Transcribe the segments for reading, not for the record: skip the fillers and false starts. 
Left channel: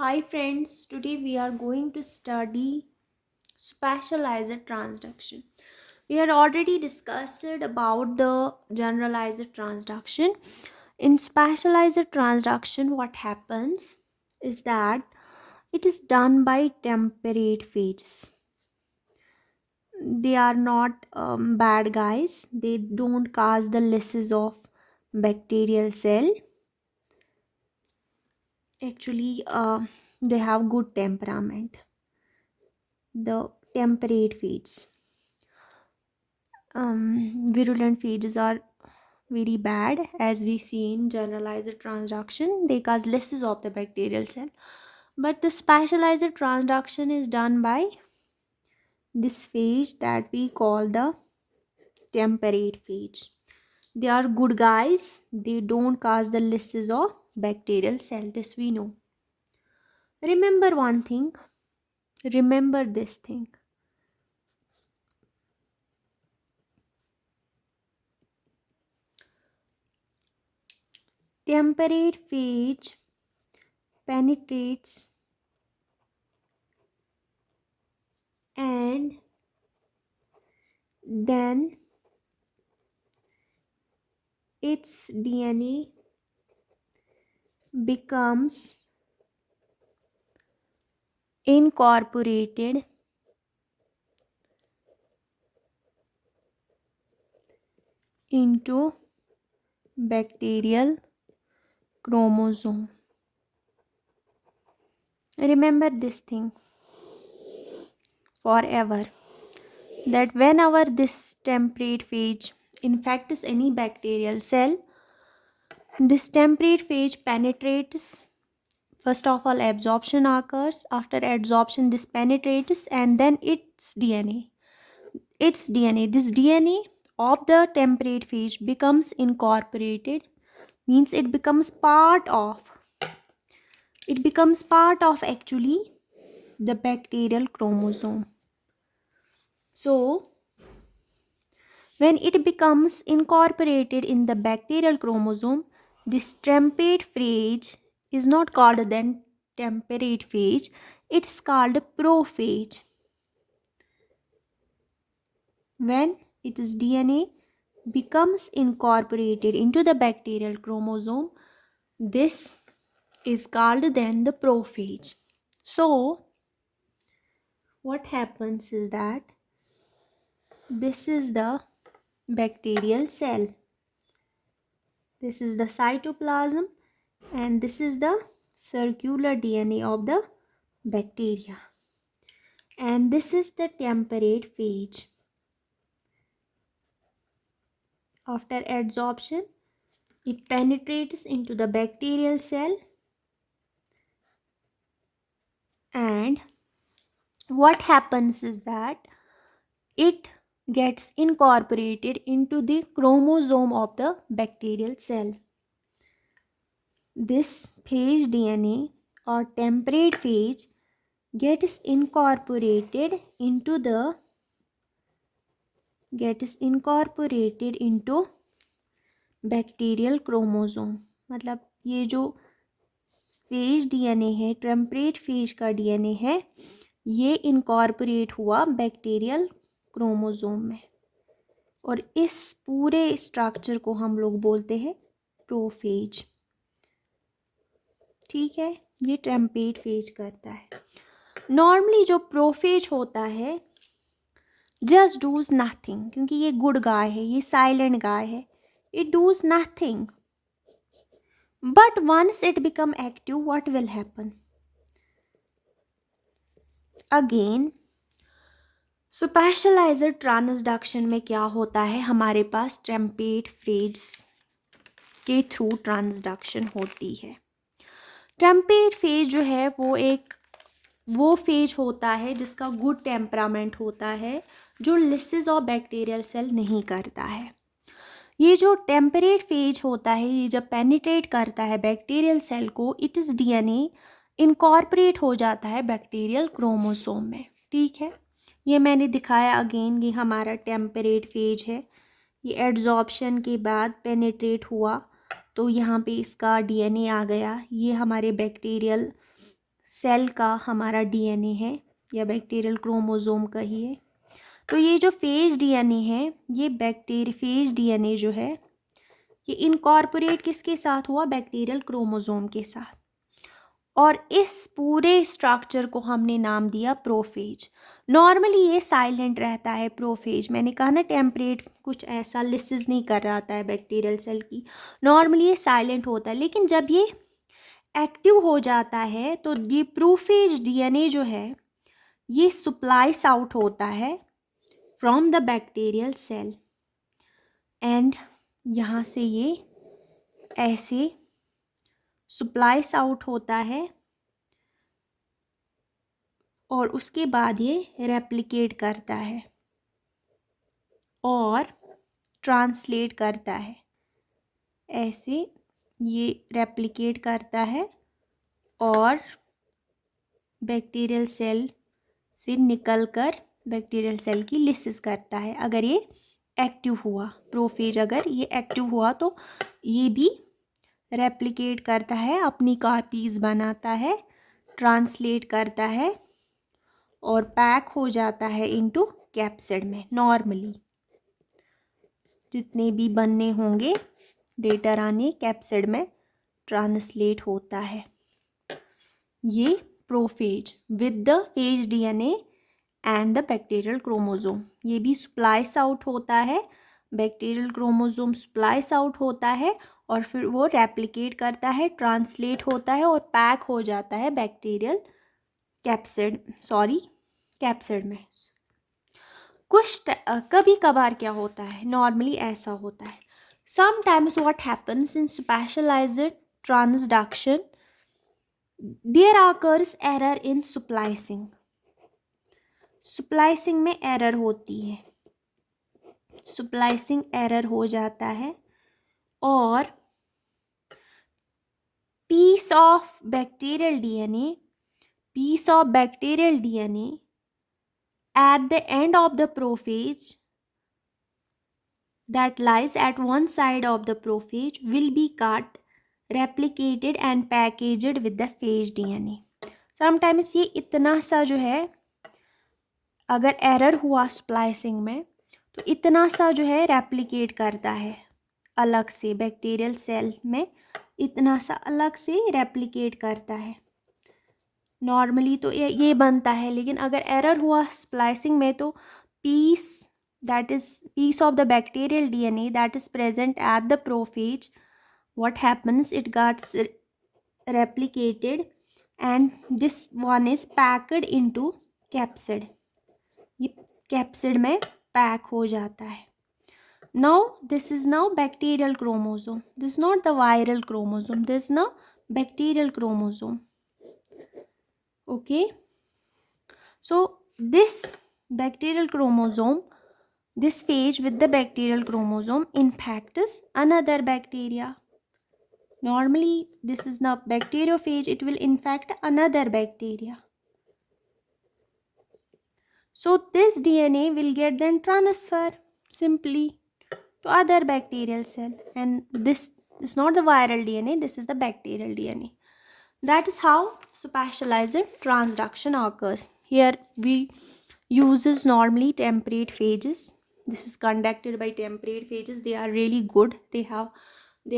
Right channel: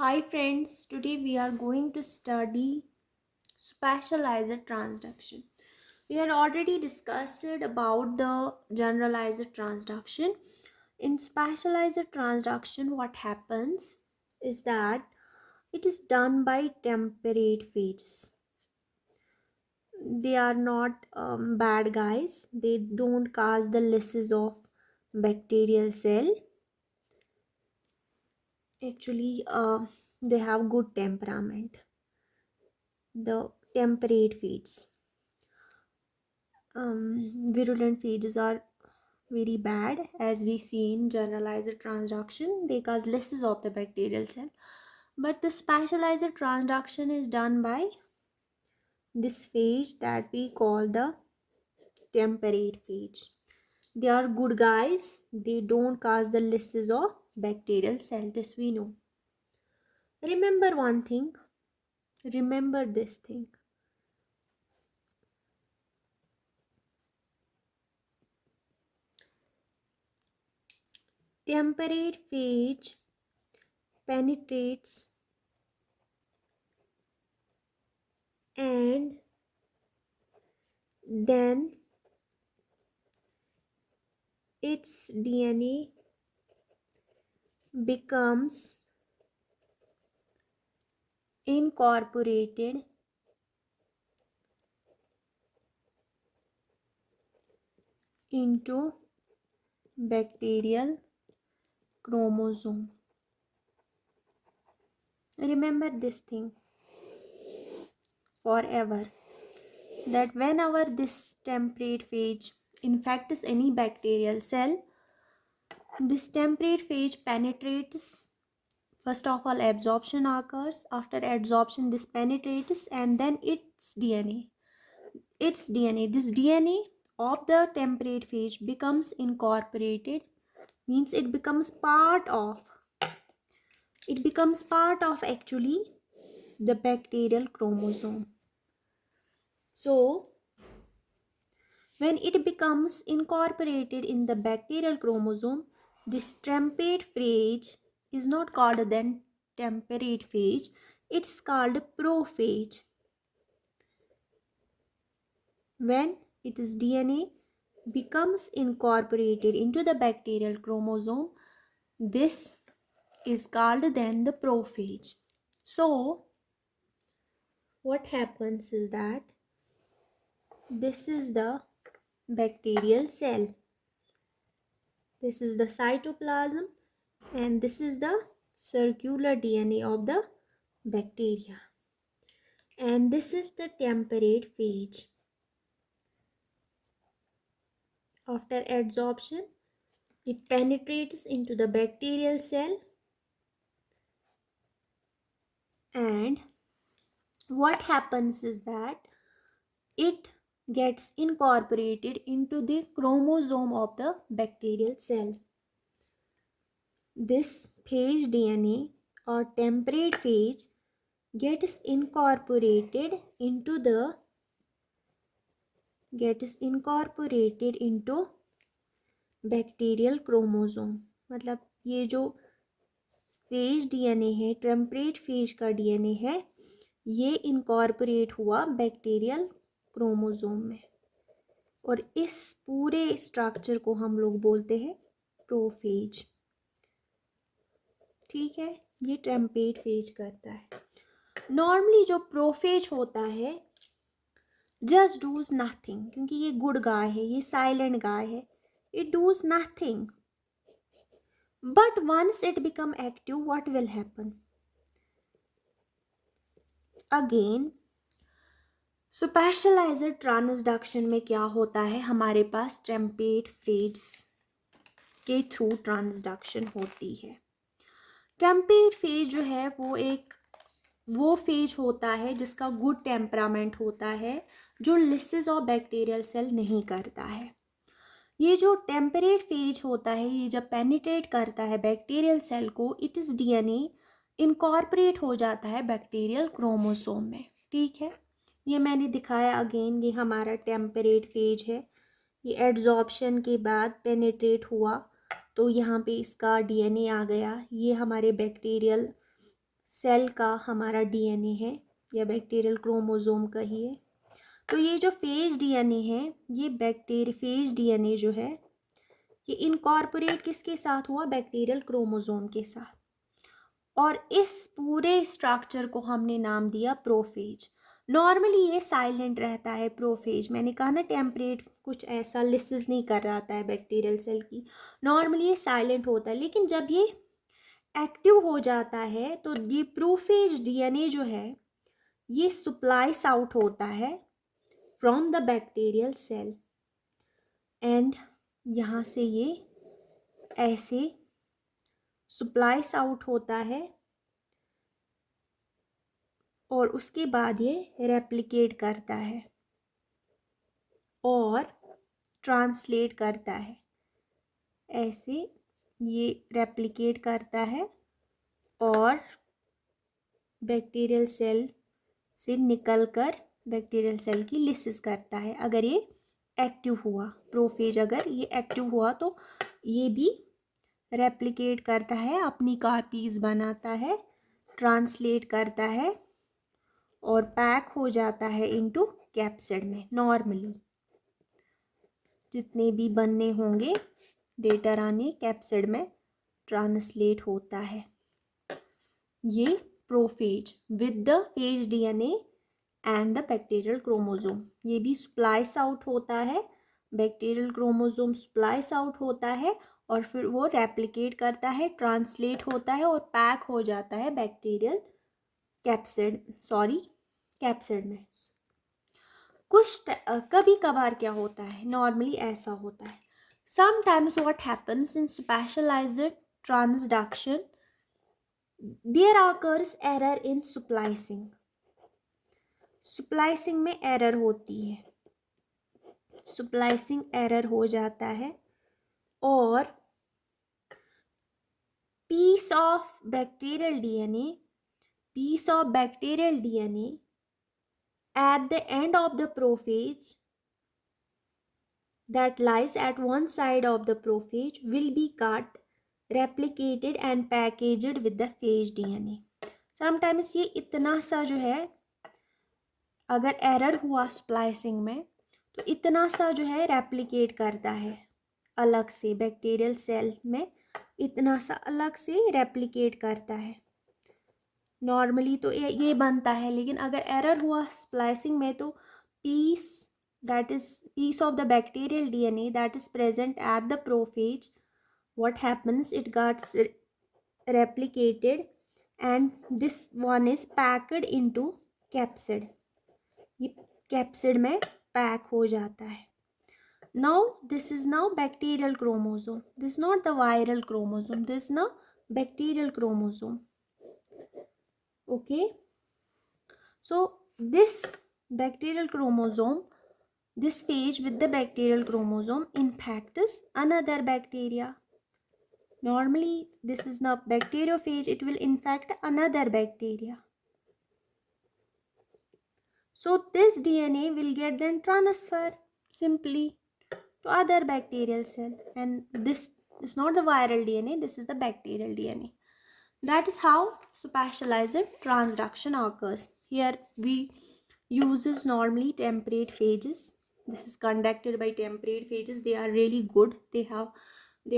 Hi friends, today we are going to study specialized transduction. We had already discussed about the generalized transduction. In specialized transduction, what happens is that it is done by temperate phages. They are not bad guys. They don't cause the lysis of bacterial cell. Actually, they have good temperament. The temperate feeds. Virulent phages are very bad, as we see in generalized transduction. They cause lysis of the bacterial cell. But the specialized transduction is done by this phage that we call the temperate phage. They are good guys. They don't cause the lysis of bacterial cell. This we know. Remember one thing. Remember this thing. Temperate phage penetrates and then its DNA becomes incorporated into bacterial chromosome. Remember this thing forever, that whenever this temperate phage infects any bacterial cell, this temperate phage penetrates. First of all, absorption occurs. After absorption, this penetrates and then this DNA of the temperate phage becomes incorporated, means it becomes part of actually the bacterial chromosome. So when it becomes incorporated in the bacterial chromosome, this temperate phage is not called then temperate phage, it's called prophage. When its DNA becomes incorporated into the bacterial chromosome, this is called then the prophage. So what happens is that this is the bacterial cell, this is the cytoplasm, and this is the circular DNA of the bacteria, and this is the temperate phage. After adsorption, it penetrates into the bacterial cell, and what happens is that it gets incorporated into the chromosome of the bacterial cell. This phage DNA or temperate phage gets incorporated into bacterial chromosome. मतलब ये जो phase DNA है, temperate phase का DNA है, ये incorporate हुआ bacterial chromosome में, और इस पूरे स्ट्रक्चर को हम लोग बोलते हैं प्रोफेज. ठीक है, ये टेम्परेट फेज करता है. नॉर्मली जो प्रोफेज होता है जस्ट डूज नथिंग, क्योंकि ये गुड गाय है, ये साइलेंट गाय है, it does nothing. But once it become active, what will happen? Again, specialised transduction में क्या होता है, हमारे पास टेम्परेट फेज के थ्रू ट्रांसडक्शन होती है. टेम्परेट फेज जो है वो फेज होता है जिसका गुड टेम्परामेंट होता है, जो लिसिस ऑफ बैक्टीरियल सेल नहीं करता है. ये जो टेम्परेट फेज होता है, ये जब पेनिट्रेट करता है बैक्टीरियल सेल को, इट इज़ डीएनए इनकॉर्पोरेट हो जाता है बैक्टीरियल क्रोमोसोम में. ठीक है, ये मैंने दिखाया. अगेन ये हमारा टेम्परेट फेज है. ये एड्जॉर्प्शन के बाद पेनिट्रेट हुआ तो यहाँ पे इसका डीएनए आ गया. ये हमारे बैक्टीरियल सेल का हमारा डीएनए है या बैक्टीरियल क्रोमोसोम का ही है। तो ये जो फेज डीएनए है, ये फेज डीएनए जो है ये इनकॉर्पोरेट किसके साथ हुआ? बैक्टीरियल क्रोमोसोम के साथ। और इस पूरे स्ट्रक्चर को हमने नाम दिया प्रोफेज। नॉर्मली ये साइलेंट रहता है प्रोफेज। मैंने कहा ना टेम्परेट कुछ ऐसा लिसिस नहीं कर रहा है बैक्टीरियल सेल की। नॉर्मली ये साइलेंट होता है, लेकिन जब ये एक्टिव हो जाता है तो ये प्रोफेज डीएनए जो है ये सप्लाइज आउट होता है from the bacterial cell, and यहाँ से ये ऐसे सप्लाइज आउट होता है और उसके बाद ये रेप्लिकेट करता है और ट्रांसलेट करता है। ऐसे ये रेप्लिकेट करता है और बैक्टीरियल सेल से निकलकर बैक्टीरियल सेल की लिसिस करता है। अगर ये एक्टिव हुआ, प्रोफेज अगर ये एक्टिव हुआ तो ये भी रेप्लिकेट करता है, अपनी कॉपीज बनाता है, ट्रांसलेट करता है और पैक हो जाता है इनटू कैप्सिड में। नॉर्मली जितने भी बनने होंगे लेटर आने कैप्सिड में ट्रांसलेट होता है। ये prophase with the phase DNA and the bacterial chromosome, ये भी स्प्लाइस आउट होता है, बैक्टीरियल क्रोमोसोम स्प्लाइस आउट होता है और फिर वो रेप्लिकेट करता है, ट्रांसलेट होता है और पैक हो जाता है बैक्टीरियल कैप्सिड में। कभी कभार क्या होता है, नॉर्मली ऐसा होता है, sometimes what happens in specialized transduction there occurs error in splicing. Splicing में एरर होती है, स्प्लाइसिंग एरर हो जाता है और piece of bacterial DNA at the end of the prophage that lies at one side of the prophage will be cut, replicated and packaged with the phage DNA. Sometimes ये इतना सा जो है, अगर एरर हुआ स्प्लाइसिंग में तो इतना सा जो है रेप्लिकेट करता है अलग से, बैक्टीरियल सेल में इतना सा अलग से रेप्लिकेट करता है। नॉर्मली तो ये बनता है, लेकिन अगर एरर हुआ स्प्लाइसिंग में तो piece of the bacterial DNA that is present at the prophage, what happens, it gets replicated and this one is packed into capsid. ये कैप्सिड में पैक हो जाता है। Now this is now bacterial chromosome, this is not the viral chromosome, this is now bacterial chromosome. Okay, so this bacterial chromosome, this phage with the bacterial chromosome infects another bacteria. Normally this is not bacteriophage, it will infect another bacteria. So this DNA will get then transfer simply to other bacterial cell, and this is not the viral DNA, this is the bacterial DNA. That is how specialized transduction occurs. Here we uses normally temperate phages. This is conducted by temperate phages. They are really good. They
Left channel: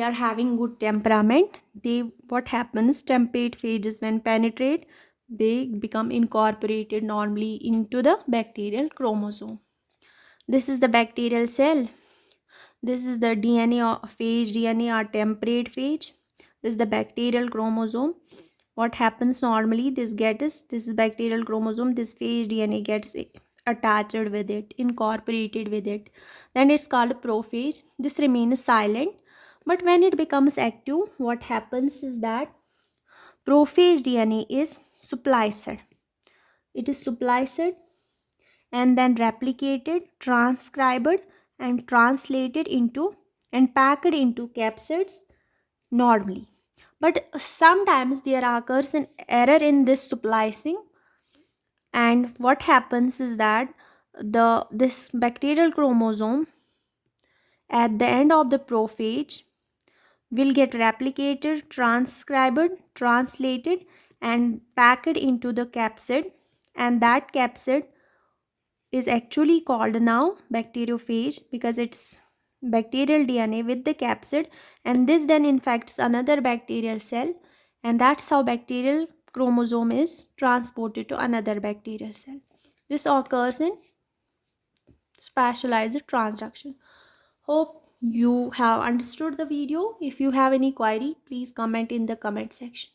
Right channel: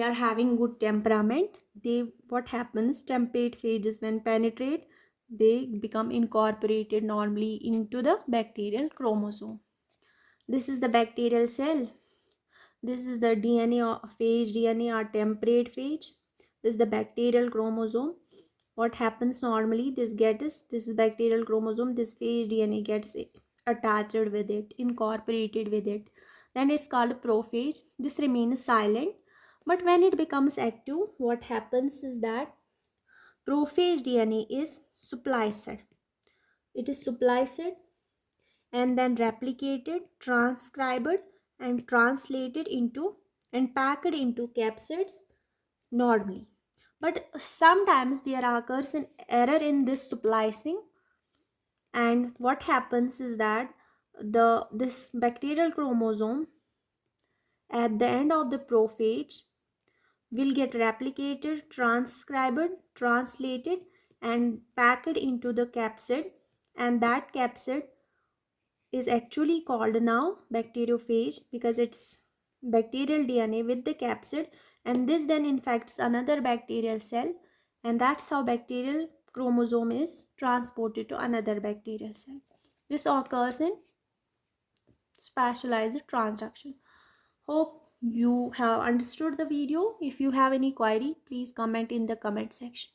are having good temperament. What happens, temperate phages when penetrate, they become incorporated normally into the bacterial chromosome. This is the bacterial cell. This is the DNA or phage DNA or temperate phage. This is the bacterial chromosome. What happens normally, this is bacterial chromosome, this phage DNA gets attached with it, incorporated with it, then it's called prophage. This remains silent, but when it becomes active, what happens is that prophage DNA is spliced. It is spliced and then replicated, transcribed and translated into and packed into capsids normally. But sometimes there occurs an error in this splicing, and what happens is that this bacterial chromosome at the end of the prophage will get replicated, transcribed, translated and packed into the capsid, and that capsid is actually called now bacteriophage because it's bacterial DNA with the capsid, and this then infects another bacterial cell, and that's how bacterial chromosome is transported to another bacterial cell. This occurs in specialized transduction. Hope you have understood the video. If you have any query, please comment in the comment section.